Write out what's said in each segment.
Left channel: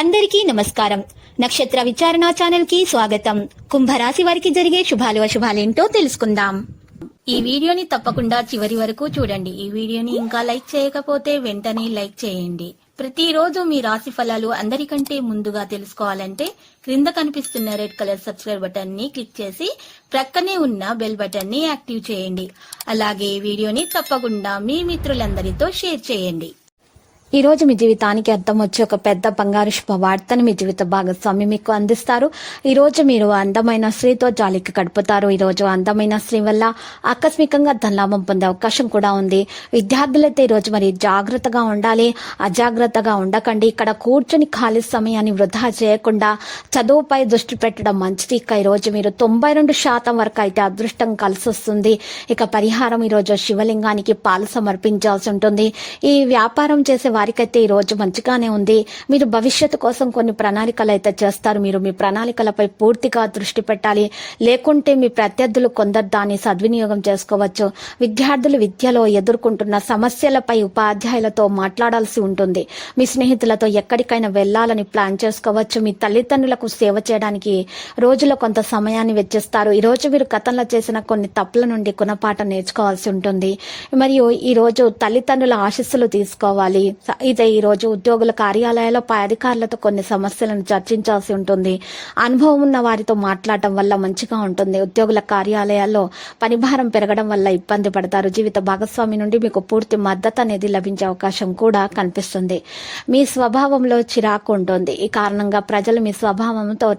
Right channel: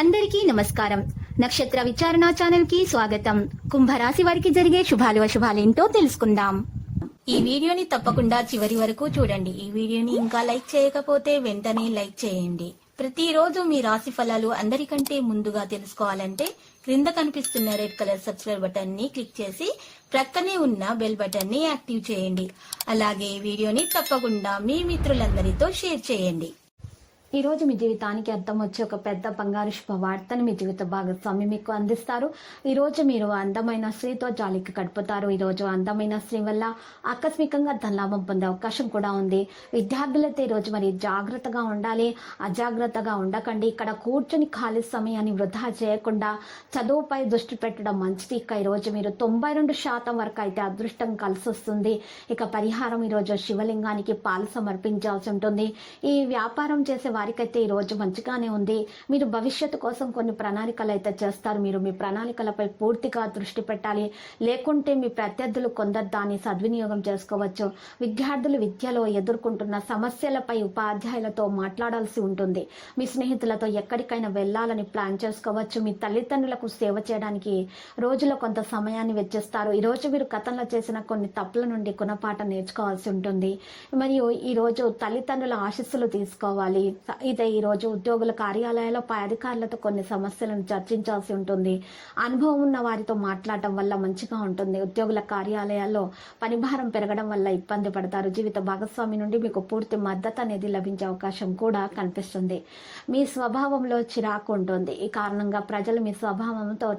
అందరికీ నమస్కారం. నక్షత్ర విచారణ ఛానల్ కి స్వాగతం. కుంభరాశి వారికి జరిగే శుభాలు అశుభాలేంటో తెలుసుకుందాం. ఈ వీడియోని తప్పకుండా చివరి వరకు చూడండి. ఈ వీడియోని ఇంకా లైక్ చేయకపోతే వెంటనే లైక్ చేయండి. ప్రతిరోజు మీ రాశి ఫలాలు అందరికంటే ముందుగా తెలుసుకోవాలంటే క్రింద కనిపిస్తున్న రెడ్ కలర్ సబ్స్క్రైబ్ బటన్ ని క్లిక్ చేసి ప్రక్కనే ఉన్న బెల్ బటన్ ని యాక్టివ్ చేయండి. అలాగే ఈ వీడియోని తప్పకుండా మీ మిత్రులందరితో షేర్ చేయండి. ఈ రోజు మీ జీవితానికి అర్థం వచ్చే ఒక పెద్ద బంగారు శుభవార్తను మీ జీవిత భాగస్వామి మీకు అందిస్తారు. ఈ రోజు మీరు అందమైన స్త్రీతో జాలికి గడుపుతారు. ఈ రోజు అందమైన స్త్రీ వల్ల ఆకస్మికంగా ధనలాభం పొందే అవకాశం కూడా ఉంది. విద్యార్థులైతే ఈ రోజు మరి జాగ్రత్తగా ఉండాలి, అజాగ్రత్తగా ఉండకండి. ఇక్కడ కూర్చుని ఖాళీ సమయాన్ని వృధా చేయకుండా చదువుపై దృష్టి పెట్టడం మంచిది. ఇక ఈ రోజు మీరు 92% వరకు అయితే అదృష్టం కలిసి వస్తుంది. ఇక పరిహారం ఈ రోజు శివలింగానికి పాలు సమర్పించాల్సి ఉంటుంది. ఈ వ్యాపారం చేసే వారికైతే ఈ రోజు మంచిగానే ఉంది. మీరు భవిష్యత్తు కోసం కొన్ని ప్రణాళికలు అయితే చేస్తారు. మీరు మీ ప్రణాళికలపై పూర్తిగా దృష్టి పెట్టాలి. లేకుంటే మీ ప్రత్యర్థులు కొందరు దాన్ని సద్వినియోగం చేసుకోవచ్చు. విద్యార్థులు విద్యలో ఎదుర్కొంటున్న సమస్యలపై ఉపాధ్యాయులతో మాట్లాడాల్సి ఉంటుంది. మీ స్నేహితులతో ఎక్కడికైనా వెళ్లాలని ప్లాన్ చేసుకోవచ్చు. మీ తల్లిదండ్రులకు సేవ చేయడానికి రోజులో కొంత సమయాన్ని వెచ్చిస్తారు. ఈ రోజు మీరు గతంలో చేసిన కొన్ని తప్పుల నుండి గుణపాఠం నేర్చుకోవాల్సి ఉంటుంది. మరియు ఈ రోజు తల్లిదండ్రుల ఆశీస్సులు తీసుకోవాలి. ఇదే ఈ రోజు ఉద్యోగుల కార్యాలయాల్లో పై అధికారులతో కొన్ని సమస్యలను చర్చించాల్సి ఉంటుంది. అనుభవం ఉన్న వారితో మాట్లాడటం వల్ల మంచిగా ఉంటుంది. ఉద్యోగుల కార్యాలయాల్లో పనిభారం పెరగడం వల్ల ఇబ్బంది పడతారు. జీవిత భాగస్వామి నుండి మీకు పూర్తి మద్దతు అనేది లభించే అవకాశం కూడా కనిపిస్తుంది. మీ స్వభావంలో చిరాకు ఉంటుంది. ఈ కారణంగా ప్రజలు మీ స్వభావంతో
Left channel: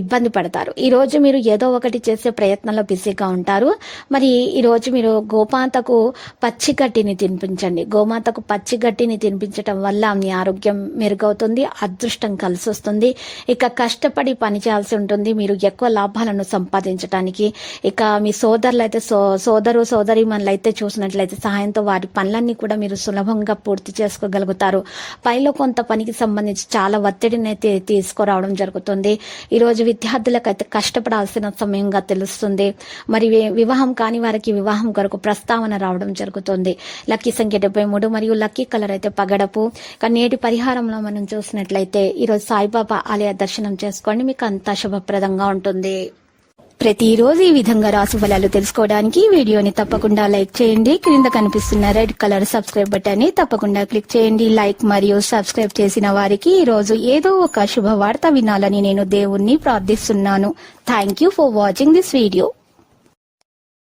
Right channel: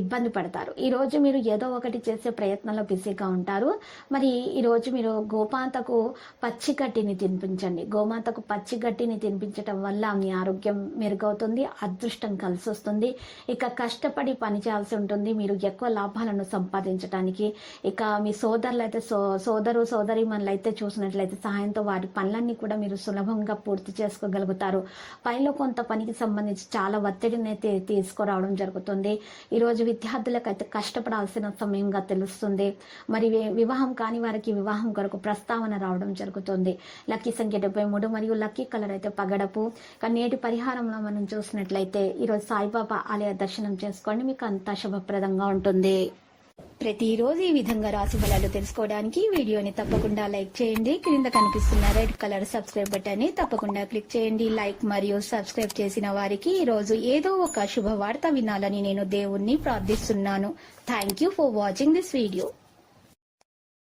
ఇబ్బంది పడతారు. ఈ రోజు మీరు ఏదో ఒకటి చేసే ప్రయత్నంలో బిజీగా ఉంటారు. మరి ఈ రోజు మీరు గోమాతకు పచ్చిగడ్డిని తినిపించండి. గోమాతకు పచ్చిగడ్డిని తినిపించడం వల్ల మీ ఆరోగ్యం మెరుగవుతుంది, అదృష్టం కలిసి వస్తుంది. ఇక కష్టపడి పని చేయాల్సి ఉంటుంది మీరు ఎక్కువ లాభాలను సంపాదించడానికి. ఇక మీ సోదరులు అయితే సోదరీమణులు అయితే చూసినట్లయితే సహాయంతో వారి పనులన్నీ కూడా మీరు సులభంగా పూర్తి చేసుకోగలుగుతారు. పనిలో కొంత పనికి సంబంధించి చాలా ఒత్తిడిని అయితే తీసుకురావడం జరుగుతుంది. ఈ రోజు విద్యార్థులకైతే కష్టపడాల్సిన సమయంగా తెలుస్తుంది. మరి వివాహం కాని వారికి వివాహం కొరకు ప్రస్తావన రావడం జరుగుతుంది. లక్కీ సంఖ్య 73 మరియు లక్కీ కలర్ అయితే పగడపు. నేటి పరిహారంలో మనం చూసినట్లయితే ఈరోజు సాయిబాబా ఆలయ దర్శనం చేసుకోండి, మీకు అంతా శుభప్రదంగా ఉంటుంది. ప్రతిరోజు ఈ విధంగా రాశి ఫలాలు తెలుసుకోవడానికి వీడియోని తప్పకుండా లైక్ చేయండి. క్రింద కనిపిస్తున్న రెడ్ కలర్ సబ్స్క్రైబ్ బటన్ ని తప్పకుండా క్లిక్ చేయండి. లైక్ మరియు సబ్స్క్రైబ్ చేసిన వారికి ఈ రోజు ఏదో ఒక శుభవార్త వినాలని నేను దేవుణ్ణి ప్రార్థిస్తున్నాను. Thank you for watching this video.